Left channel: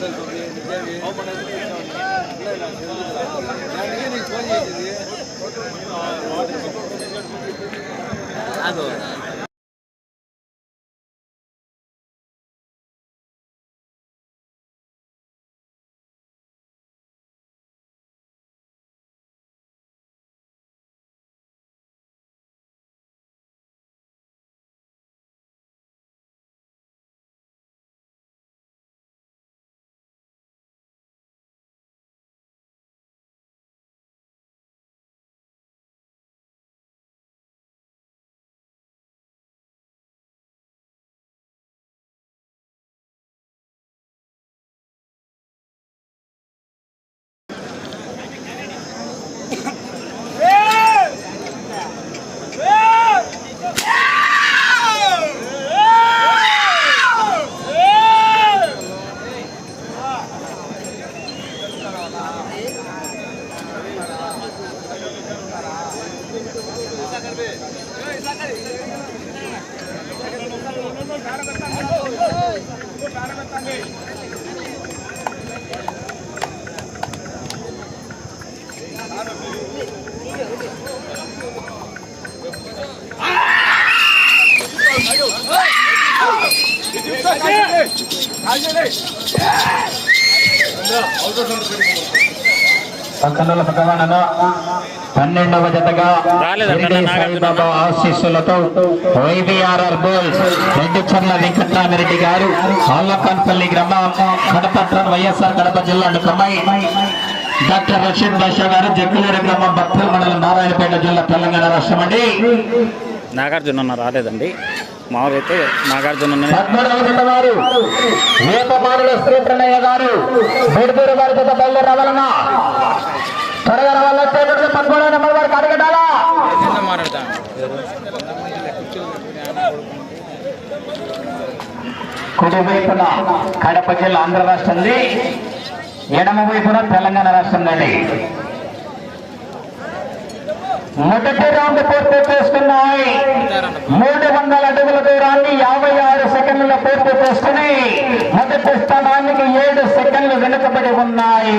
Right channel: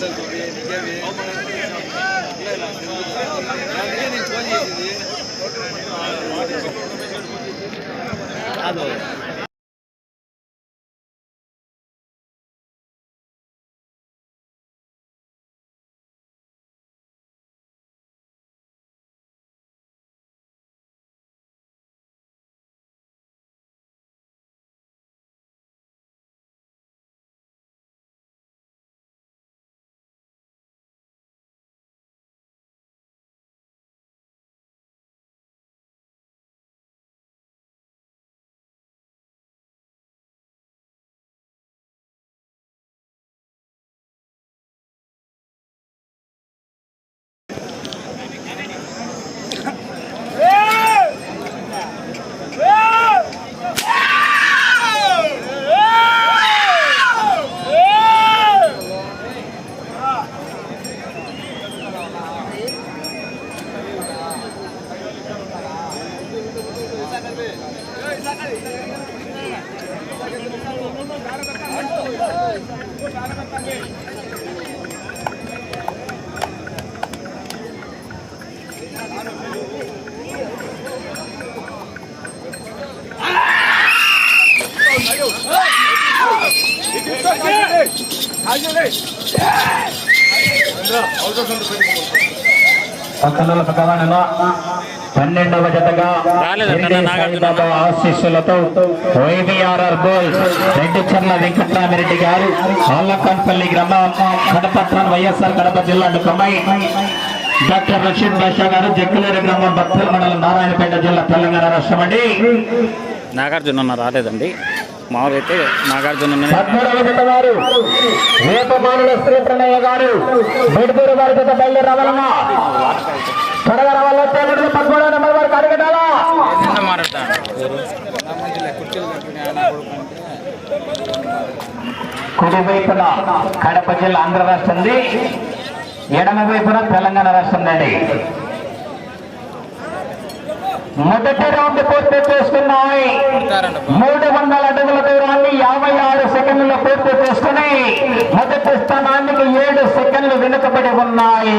అసలు నేను ఫోన్ చేసింది పక్కన ప్రధాన పన్నెండవ జతగా ఆశీస్సులతో వైబీఆర్ఆర్ గోల్డ్ రెడ్డి చర్ల వెంకటరామిరెడ్డి గారు అల్లకన్పల్లి గ్రామం కడపట్నం వైఎస్ఆర్ కడప జిల్లా కమ్మాయి డాక్టర్ రషీద్ బాషా గారు జగ్గులేర గ్రామం బత్తల మండలం నారాయణపేట జిల్లా తెలంగాణ రాష్ట్రం అండి నాగార్జున రాలేదండి. మామూలు అయితే నాగార్జున అన్ననే కుడి వైపున కడప జిల్లా ఆంధ్ర రాష్ట్రంది ఎడమ వైపున తెలంగాణ రాష్ట్రం అండి మొదటి రౌండ్ పూర్తి చేసుకున్నాయి. మూడు వందల అడుగుల దూరాన్ని యాభై ఆరు సెకండ్ల పూర్తి చేసుకుని మొదటి స్థానానికి ఏడు సెకండ్లు వెనుకబడి ఉన్నాయి.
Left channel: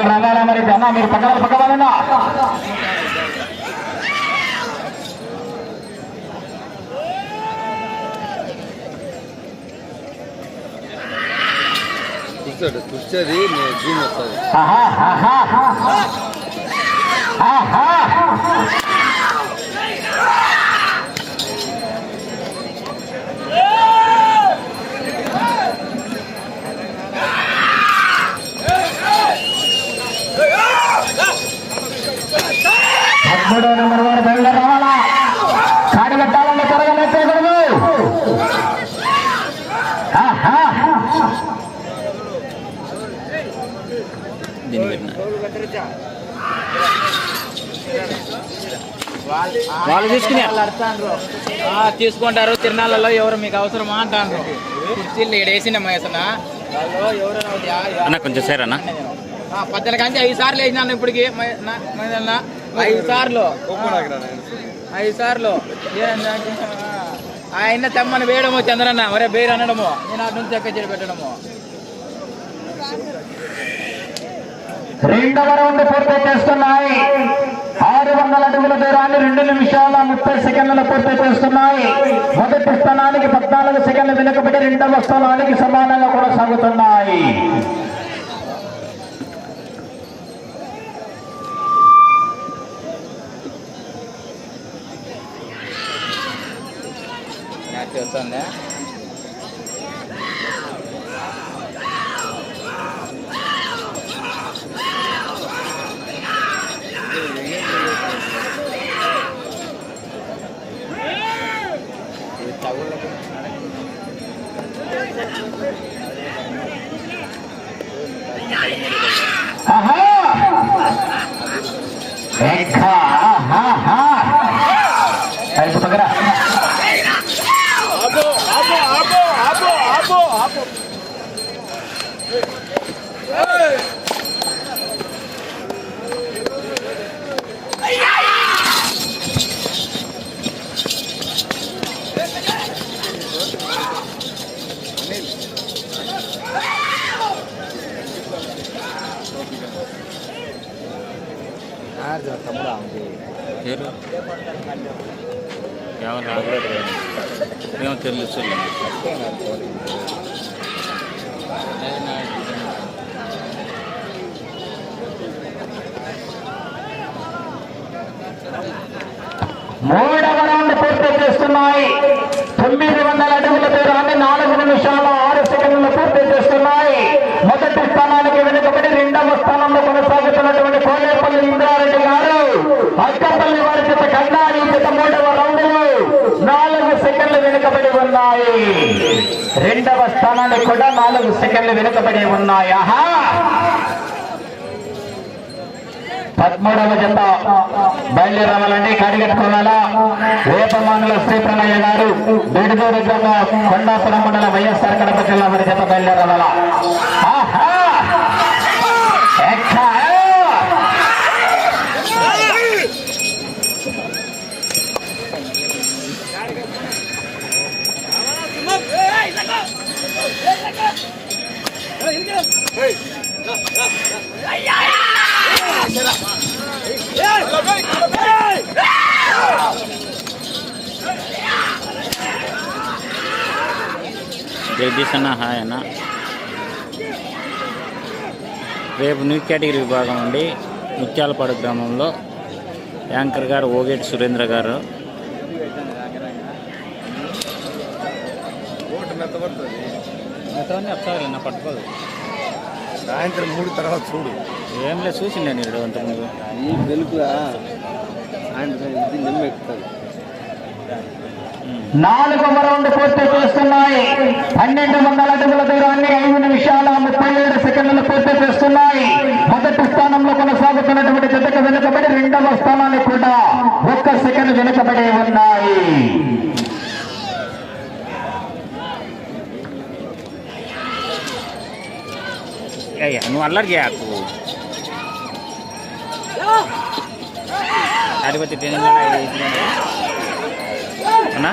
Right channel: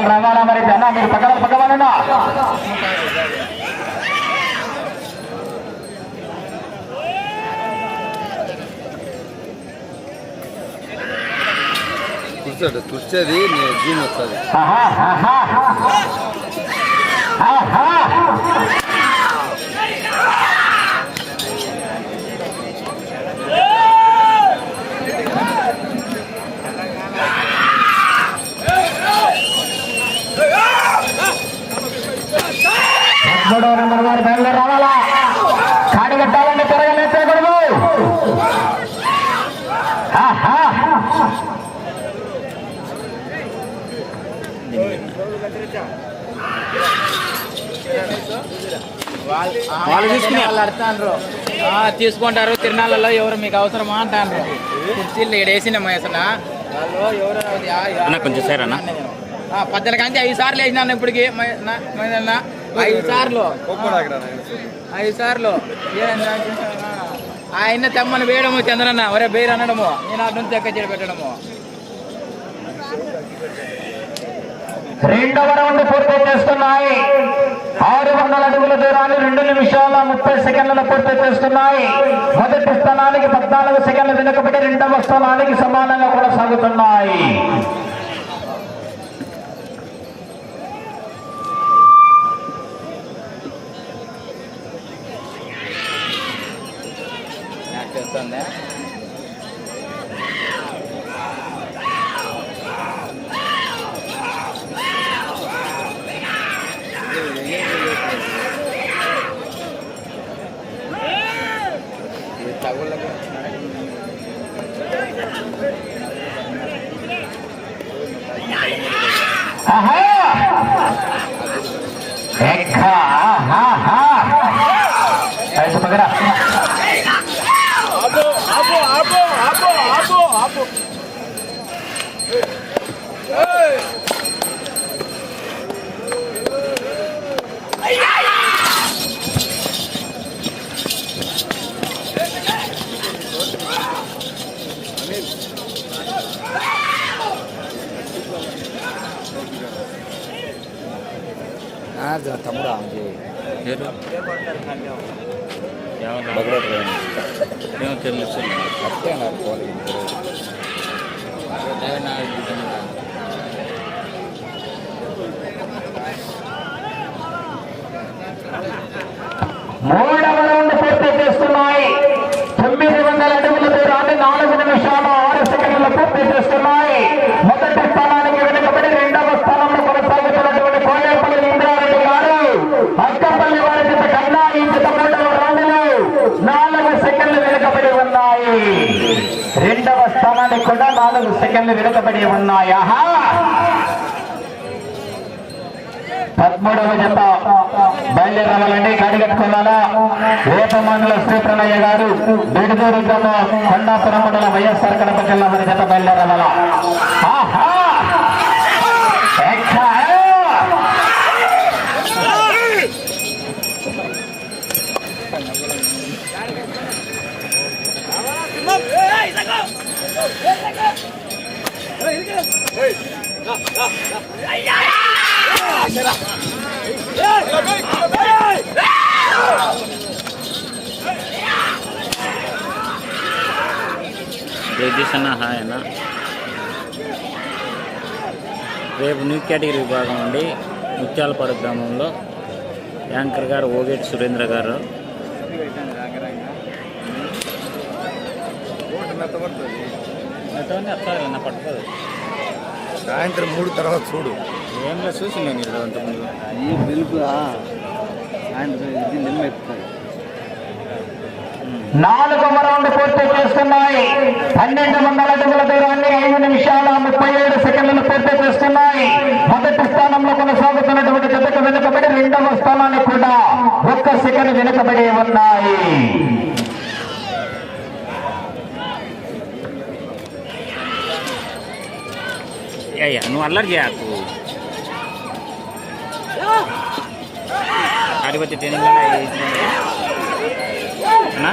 రావాలా మరి? అన్న మీరు పక్కన పక్కన చేస్తాడు కూర్చోది నేను దీని వస్తుంది ఆహా! వాళ్ళు తీసుకునే వాళ్ళు అడతాండ్రు ఆ, తీసుకుంటారు. తిరునాళ్ళలో ఎవరు మీకు అవసరమా అంటాను కుర్చీలు ఇక్కడ వేసిన మహేసన వాళ్ళు కొంచెం సరే అన్న. పద్దెనిమిది కంటే ఐదు సార్లు వేసినాను ఇప్పటికి ఐదు సార్లు. ఐదు సార్లు. ఆయన తెమ్మని వేయడము చంద్రన్న. ఒరే బేరు అనడము. నేను అటు నుంచి ఎక్క పెట్టడము. రెండవ రౌండ్ పూర్తి చేస్తున్నాయి. ఆరు వందల అడుగుల దూరాన్ని రెండు నిమిషాల ముప్పై సెకండ్లు పూర్తి చేస్తున్నాయి. మొదటి స్థానానికి పద్నాలుగు సెకండ్లు వెనుకబడి రెండవ స్థానానికి సమానంగా కొనసాగుతున్నాయి. చేస్తాను బీడుదూరు గ్రామం కొండాపురం మండలం వైఎస్ఆర్ కడప జిల్లా వారి చెప్ప బయలుదేరాల Yeah! జగదీష్ అన్న హాయ్ అన్న రేపు న్యూ కేటగిరీ విభాగం నుండి ముత్యాలపాడు గ్రామంలో యాంకర్ గారు ఓగేటి సురేంద్ర గారు. పట్టుకోదు. సాయంత్రం మూడు తర్వాత చూడు. ఏం లేదు చూసి నేను ఇది అంతకుముందు ఈ వెలుగు ఆయన ఇది నిమ్మ నాలుగు రౌండ్ పూర్తి చేస్తున్నాయి. పన్నెండు వందల అడుగుల దూరాన్ని ఐదు నిమిషాల ముప్పై ఏడు సెకండ్లు పూర్తి చేస్తున్నాయి. మొదటి స్థానంలో కొనసాగుతున్నటువంటి జతకు వెనుకబడి రెండవ స్థానాన్ని కూడా ఒక్క సెకండ్ వెనుకబడి ఉన్నాయి. నువ్వు అల్లరి చేయకు అడిపోతే ట్రైనింగ్ అన్నా?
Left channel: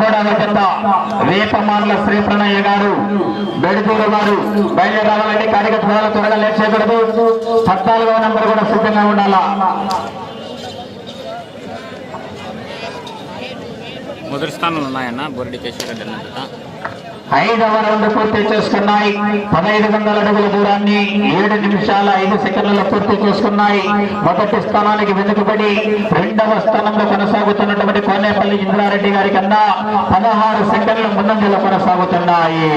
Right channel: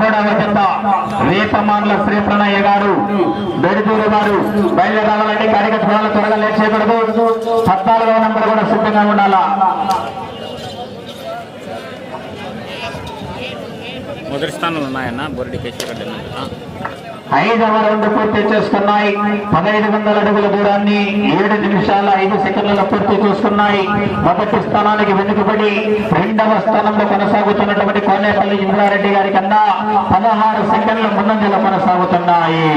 పద్మూడవ జత రేపమాన్ల శ్రీ గారు బెడుదూరు వారు బయలుదేరాలంటే కాడిక త్వరగా లేట్ చేయకూడదు. పద్నాలుగవ నంబర్ కూడా సిద్ధంగా ఉండాలా? మొదటి స్థానంలో ఉన్నాయన్న బొరడి కేశవరెడ్డి రెడ్డి అన్నట్టుగా ఐదవ రౌండ్ పూర్తి చేసుకున్నాయి. పదహైదు వందల అడుగుల దూరాన్ని ఏడు నిమిషాల ఐదు సెకండ్ల పూర్తి చేసుకున్నాయి. మొదటి స్థానానికి వెనుకబడి రెండవ స్థానంలో కొనసాగుతున్నటువంటి కోనేపల్లి ఇంద్రారెడ్డి గారి కన్నా పదహారు సెకండ్ల ముందంజలో కొనసాగుతున్నాయి.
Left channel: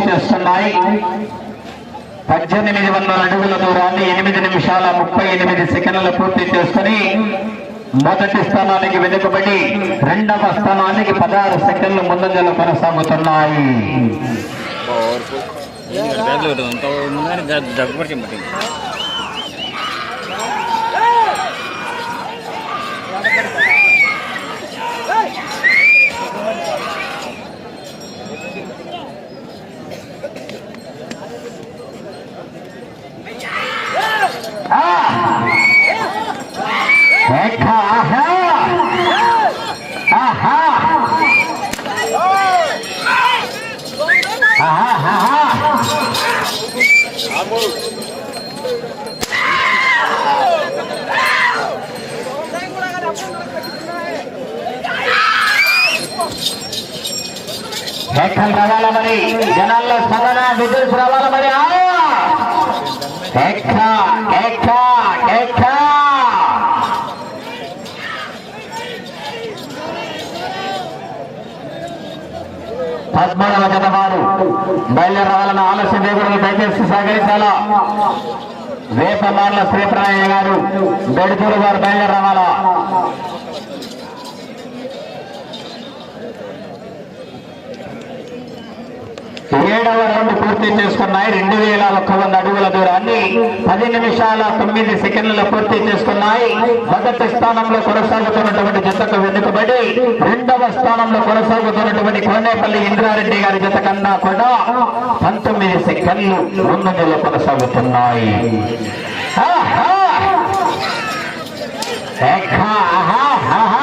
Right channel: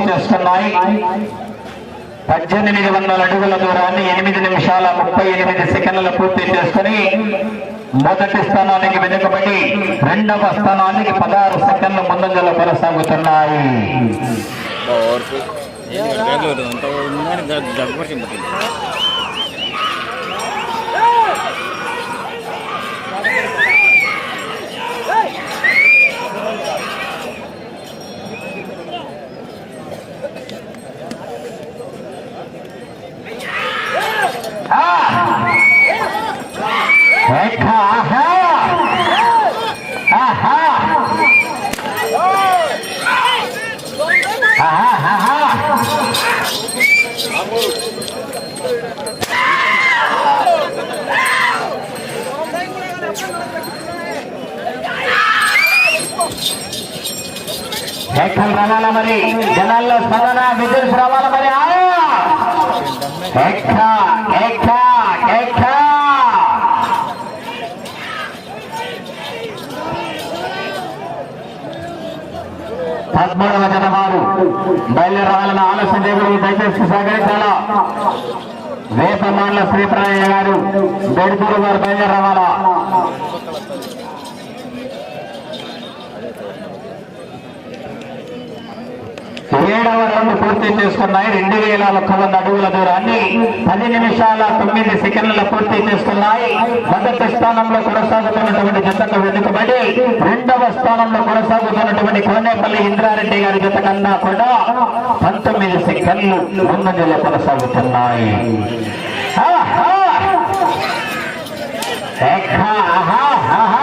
చేస్తున్నాయి పద్దెనిమిది వందల అడుగుల దూరాన్ని ఎనిమిది నిమిషాల ముప్పై ఎనిమిది సెకండ్లు పూర్తి చేసుకుని మొదటి స్థానానికి వెనుకబడి రెండవ స్థానానికి పదహారు సెకండ్ల ముందంజలో కొనసాగుతున్నాయి ఇంత ఉందని దగ్గర చెప్తుంది ఏకా, ఆహా! ఆహా! ఆహా, ఆహా! ఎక్కడ రావాలి మరి. జనాల్లో సదన విద్యుత్ రావాలి మరి. ఎక్కడ పద్మూడవ జత ఆలస్యం చేయకూడదు దయచేసి సహకరించాలా? వేపమాల శ్రీప్రాయ గారు బెడుతూరు వారు బయలుదేరి ఏడవ రౌండ్ పూర్తి చేసుకున్నాయి. రెండు వేల ఒక్క వంద అడుగుల దూరాన్ని పది నిమిషాల తొమ్మిది సెకండ్లలో పూర్తి చేసుకున్నాయి. మొదటి స్థానంలో కొనసాగుతున్నటువంటి జతకు వెనుకబడి రెండవ స్థానంలో కొనసాగుతున్నటువంటి కోనేపల్లి ఇంద్రారెడ్డి గారి జత కన్నా కూడా పంతొమ్మిది సెకండ్లు ముందంజలో కొనసాగుతున్నాయి ఆహా! ఏకా, ఆహా, ఆహా!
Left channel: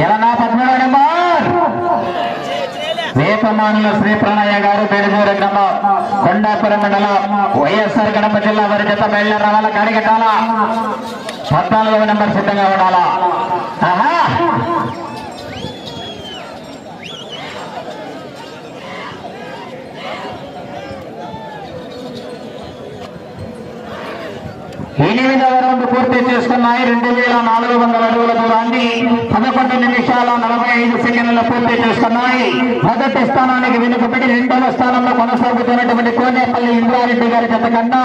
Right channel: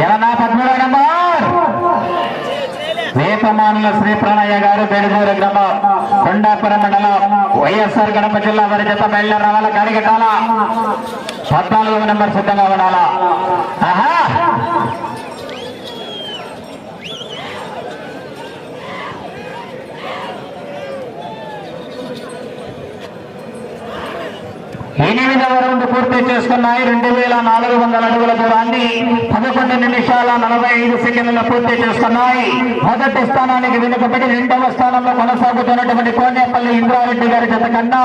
ఎలనా పద్మూడవ నంబర్ వేపమానుల శ్రీ ప్రణయ్య గారు పేరుదూరు గ్రామం కొండాపురం మండలం వైఎస్ఆర్ గడప జిల్లా వారి జత బయలుదేరి రావాల కడిగటాల పద్నాలుగవ నంబర్ సిద్ధంగా ఉండాలా ఆహా! ఎనిమిదవ రౌండ్ పూర్తి చేసుకున్నాయి. రెండు వేల నాలుగు వందల అడుగుల దూరాన్ని పదకొండు నిమిషాల నలభై ఐదు సెకండ్లు పూర్తి చేసుకున్నాయి. మొదటి స్థానానికి వెనుకబడి రెండవ స్థానంలో కొనసాగుతున్నటువంటి కోనేపల్లి ఇంద్రారెడ్డి గారి జత కన్నా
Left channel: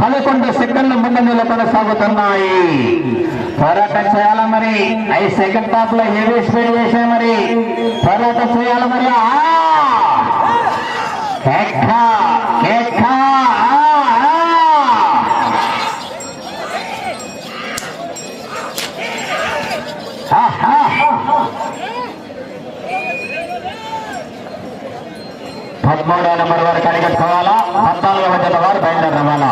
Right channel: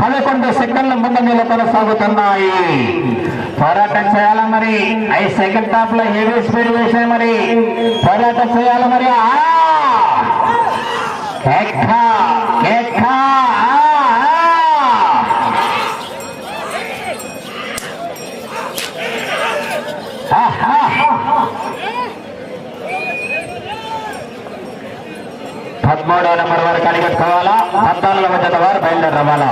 పదకొండు సెకండ్ల ముందు కొనసాగుతున్నాయి. పోరాటం చేయాలా మరి? ఐదు సెకండ్ టాప్లో హెవీ స్పీడ్ వేసే మరి? పోరాటం చేయాలా మరి? పదమూడో నెంబర్ వరకు అడిగి పద్నాలుగు మధ్యలో వారు బయలుదేరి రవాణా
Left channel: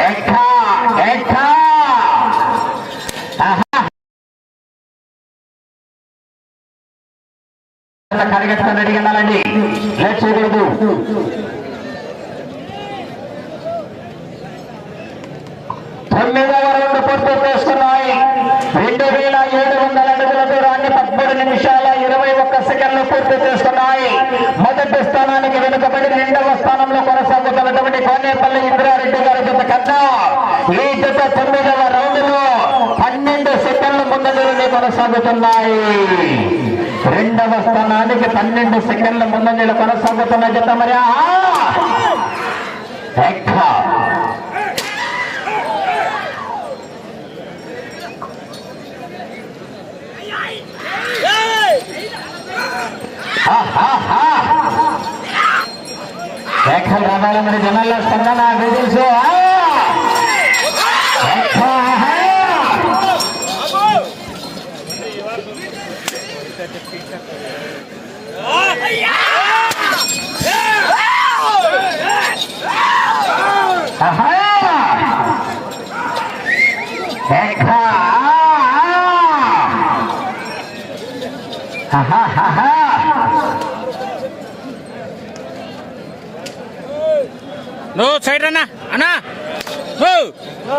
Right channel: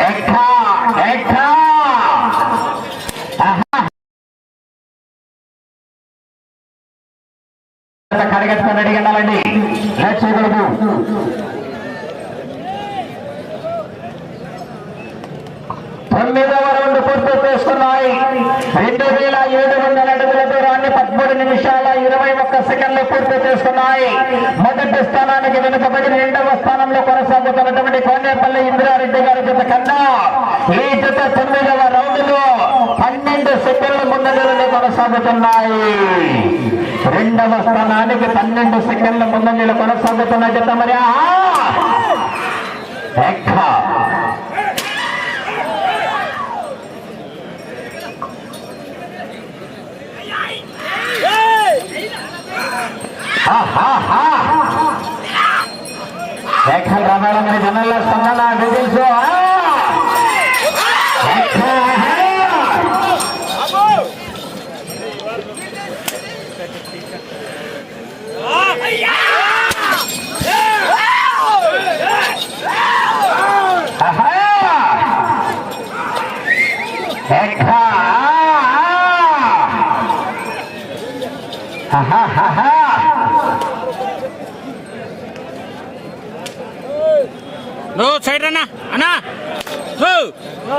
ఎక్క ఎక్క కడగట్టుకొని రెడీ అన్నారండి లేట్ చేయకూడదు తొమ్మిదవ రౌండ్ పూర్తి చేసుకున్నాయి రెండు వేల ఏడు వందల అడుగుల దూరాన్ని పదమూడు నిమిషాల ఇరవై ఒక్క సెకండ్లు పూర్తి చేసుకున్నాయి మొదటి స్థానానికి వెనుకబడి రెండవ స్థానంలో కొనసాగుతున్నటువంటి ఇంద్రారెడ్డి గారి బిడ్డ కన్నా ఈ జత తొమ్మిదవ రౌండ్ పన్నెండు సెకండ్ల ముందంజలో కొనసాగుతున్నాయి. రెండవ స్థానానికి పన్నెండు సెకండ్ల ముందంజలో కొనసాగుతున్న జత మరి రావాలి మరి జనాల్లో స్పందన విజిల్స్ ఎక్క. ఆహా. ఎక్క. ఆహాహాహా. నో సైడ్ అన్నా అన్నా ఓ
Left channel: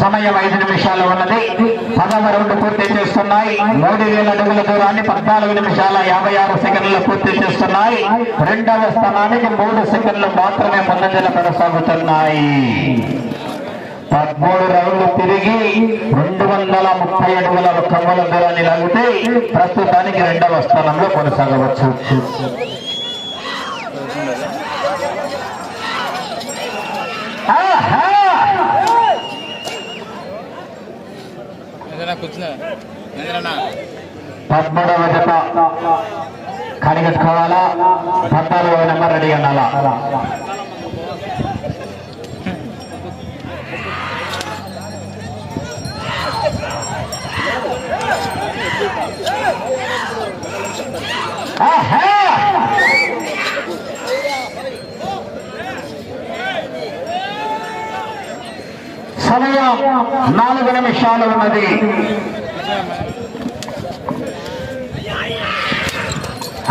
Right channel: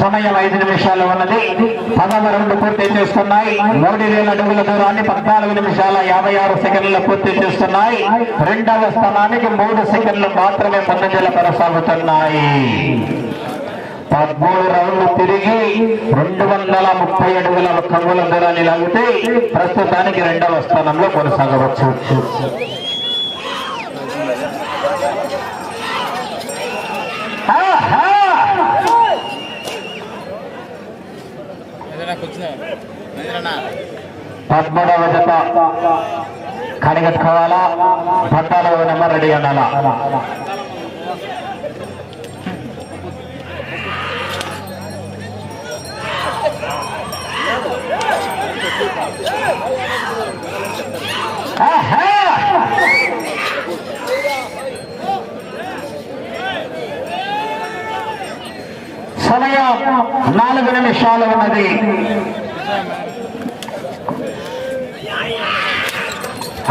సమయం ఐదు నిమిషాలు ఉన్నది పదవ పూర్తి చేస్తున్నాయి. మూడు వేల అడుగుల దూరాన్ని పద్నాలుగు నిమిషాల యాభై ఆరు సెకండ్లు పూర్తి చేస్తున్నాయి. రెండవ స్థానానికి మూడు సెకండ్లు మాత్రమే పన్నెండులు కొనసాగుతున్నాయి. పదమూడు రౌండ్లు తిరిగి రెండు వందల ముప్పై అడుగుల ఒక్క మూల దూరాన్ని లాగితే ప్రస్తుతానికి రెండవ స్థానంలో కొనసాగవచ్చు. పద్మూడవ జత కనిగట్టుకోవాలా పద్నాలుగవ నెంబర్ రెడీ అనాలా సమయం నాలుగు నిమిషాలు ఉన్నది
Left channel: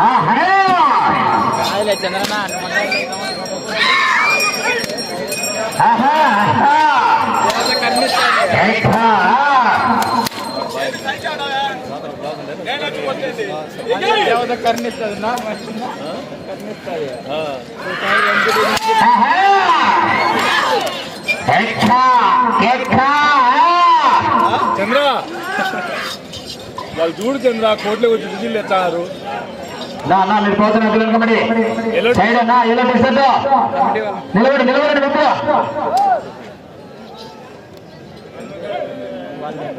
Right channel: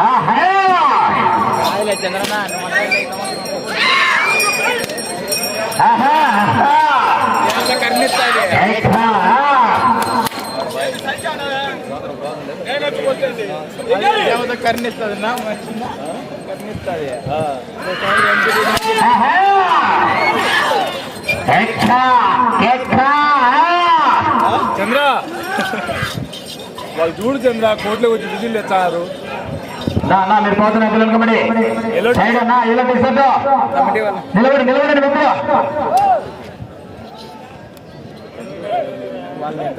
ఆహా! రాయలే చంద్రనా ఆహా! ఆహా! కర్ణిస్తాడు ఎక్కా! దేవత కర్ణిస్తుంది నా కర్ణిస్తుంది! చంద్ర. వాళ్ళు చూడు చంద్ర కోట్లో వచ్చి విజిల్ ఎత్తారు నా నా మీరు పోతున్న పిల్లలకి ఎల్లో సైడ్ అన్నా ఎలా టీషర్ట్ నిలబడి నిలబడి ముగ్గురు ఆహా! ఆహా!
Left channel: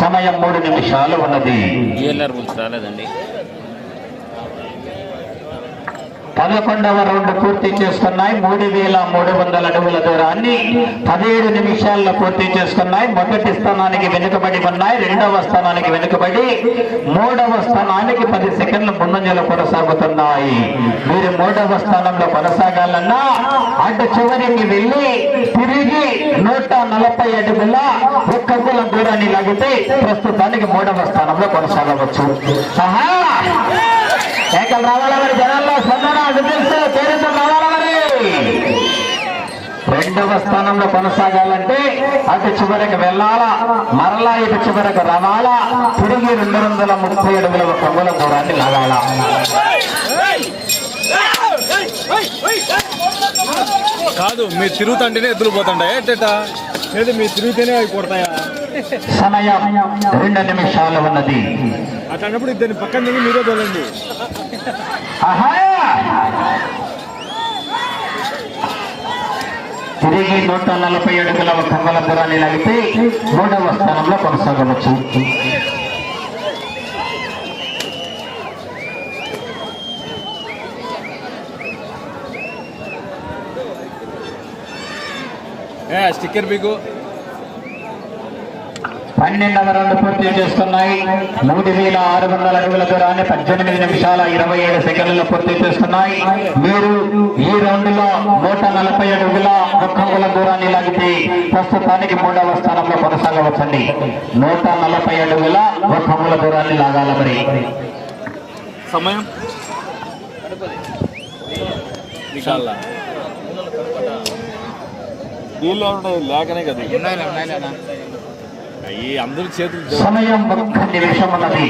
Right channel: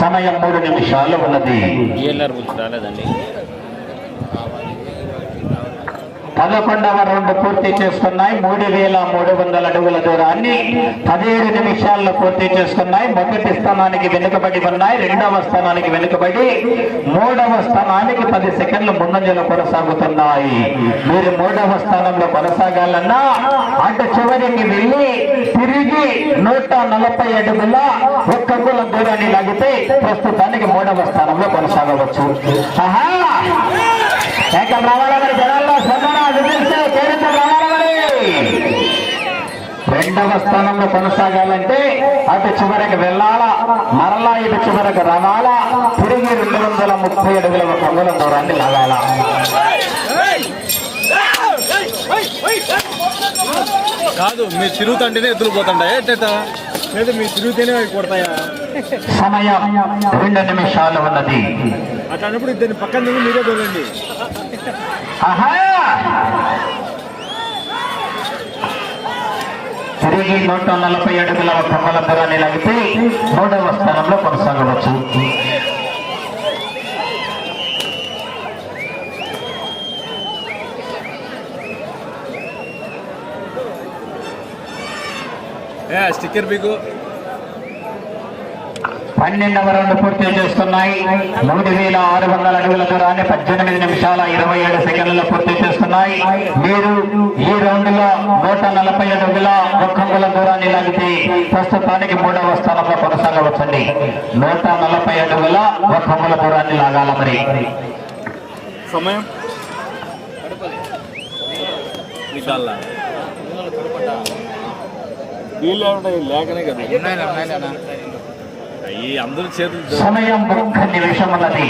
సమయం మూడు నిమిషాలు ఉన్నది. జిఎల్ఆర్ బుల్స్ రాలేదండి. పదకొండవ రౌండ్ పూర్తి చేస్తున్నాయి మూడు వేల మూడు వందల అడుగుల దూరాన్ని పదిహేడు నిమిషాల్లో పూర్తి చేసుకున్నాయి. మొదటి స్థానానికి వెనుకబడి ఉన్నాయి. రెండవ స్థానానికి వెనుకబడి మూడవ స్థానానికి పది సెకండ్లు ముందంజలు కొనసాగుతున్నాయి. మీరు మూడవ స్థానంలో కొనసాగాలన్నా అటు చివరికి వెళ్ళి తిరిగి నూట నలభై అడుగుల ఒక్క కుల దూరాన్ని లాగితే ప్రస్తుతానికి మూడవ స్థానంలో కొనసాగవచ్చు. ఆహా! రావాలా మరి రెండవ స్థానంలో కొనసాగాలంటే అటు చివరికి వెళ్ళాలా మరలా ఇటు చివరకు రావాలా? తిరిగి రెండు వందల ముప్పై అడుగుల అంగుళం దూరాన్ని లాగాల? కాదు మీరు తిరుగుతుంటేనే ఎట్టట లేదు మీరు తిరుగుతూనే కొడతాయా? సమయం రెండు నిమిషాలు ఉన్నది. అట్లాంటప్పుడు ఇద్దరిని పక్కన నుండి మీరే ఆహా! తిరిగి నూట నలభై అడుగుల కమ్మల దూరాన్ని లాగితే మూడవ స్థానంలో కొనసాగవచ్చు. స్టిక్కర్ బిగు పన్నెండవ రౌండ్ పూర్తి చేస్తున్నాయి. మూడు వేల ఆరు వందల అడుగుల దూరాన్ని పద్దెనిమిది నిమిషాల ఇరవై ఏడు సెకండ్లలో పూర్తి చేస్తున్నాయి. మీరు ఈ రౌండ్లో నూట నలభై అడుగుల ఒక్క అంగుళ దూరాన్ని లాగితే ప్రస్తుతానికి మూడవ స్థానంలో కొనసాగవచ్చండి. నూట నలభై అడుగుల ఒక్క అంగుళ దూరాన్ని లాగాలి మరి. సమయం? లేకనే కదా. అందరి చేతులు సమయం ఒక్క నిమిషం ఉన్నది.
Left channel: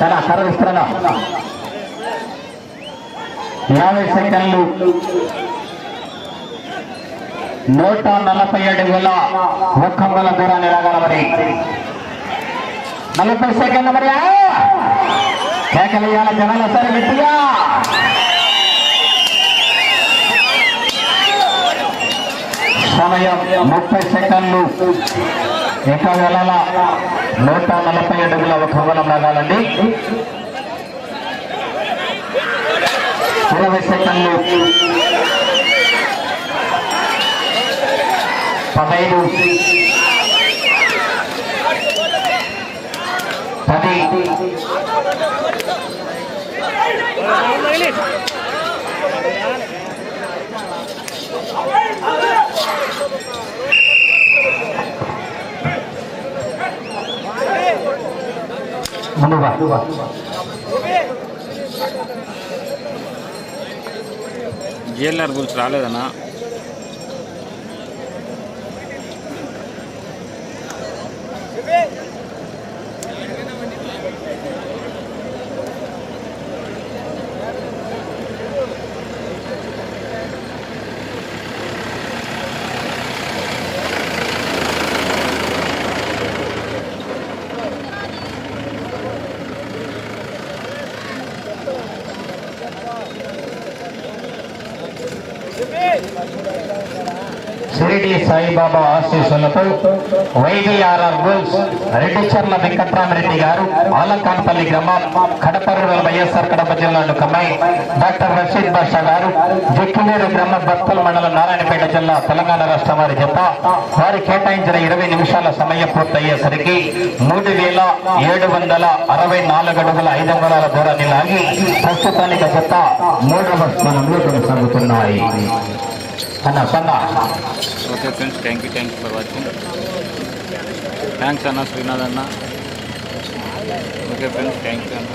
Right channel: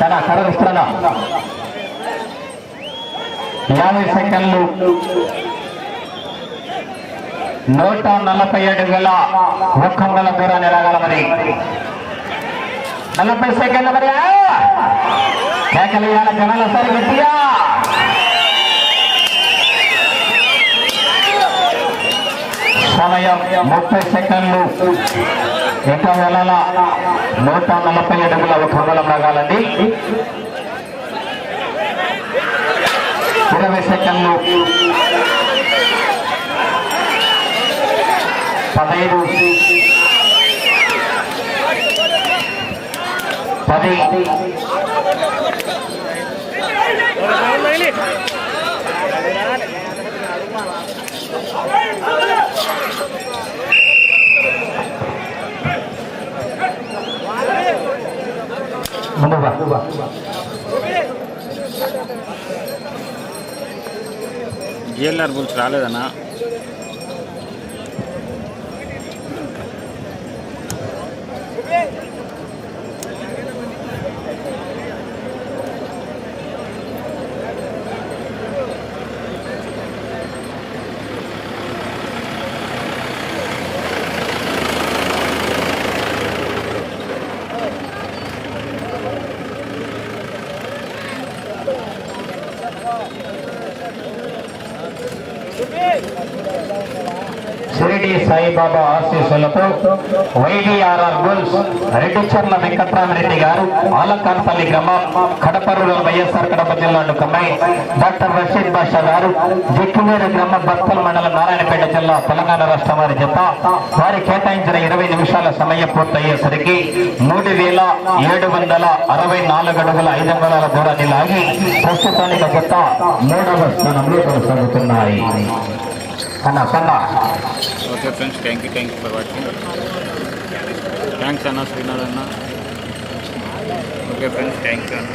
చాలా సరళిస్తున్నా యాభై సెకండ్లు. నూట నలభై ఏడు వేల ఒక్క వందల దూరాన్ని ఎరగలమని నలభై సెకండ్ల మరి. కేకలేయాలి జనాల సరే గట్టిగా. సమయం ముప్పై సెకండ్లు. ఇంకా వేళల నూట నలభై అడుగుల ఒక వందల లాగాలండి ఇరవై సెకండ్లు పదహైదు పది ముందుగా జిఎల్ఆర్ బుల్స్ రాలేదన్నా. సాయిబాబా ఆశీస్సులతో వైడిఆర్ఆర్ బుల్స్ రెడ్డిచర్ల వెంకట్రామరెడ్డి గారు ఆలకాన్పల్లి గ్రామం కడపరులో వైఎస్ఆర్ కడప జిల్లా కమ్మాయి డాక్టర్ రషీద్ బాషా గారు జిక్కివేరు గ్రామ భక్తుల మండలం నారాయణపేట జిల్లా తెలంగాణ రాష్ట్ర వారి జత. వారి కేటాయించిన ఇరవై నిమిషాల సమయం పూర్తయ్యేసరికి మూడు వేల ఏడు వందల అరవై నాలుగు అడుగుల ఐదు వందల దూరాన్ని లాగి ప్రస్తుతానికి కొత్త మూడవ స్థానంలో కొనసాగుతున్నాయి. అన్న సన్న okay friends thank you thank you for watching thanks అన్న శ్రీనాథ్ అన్న ఓకే ఫ్రెండ్స్ థ్యాంక్ యూ అన్న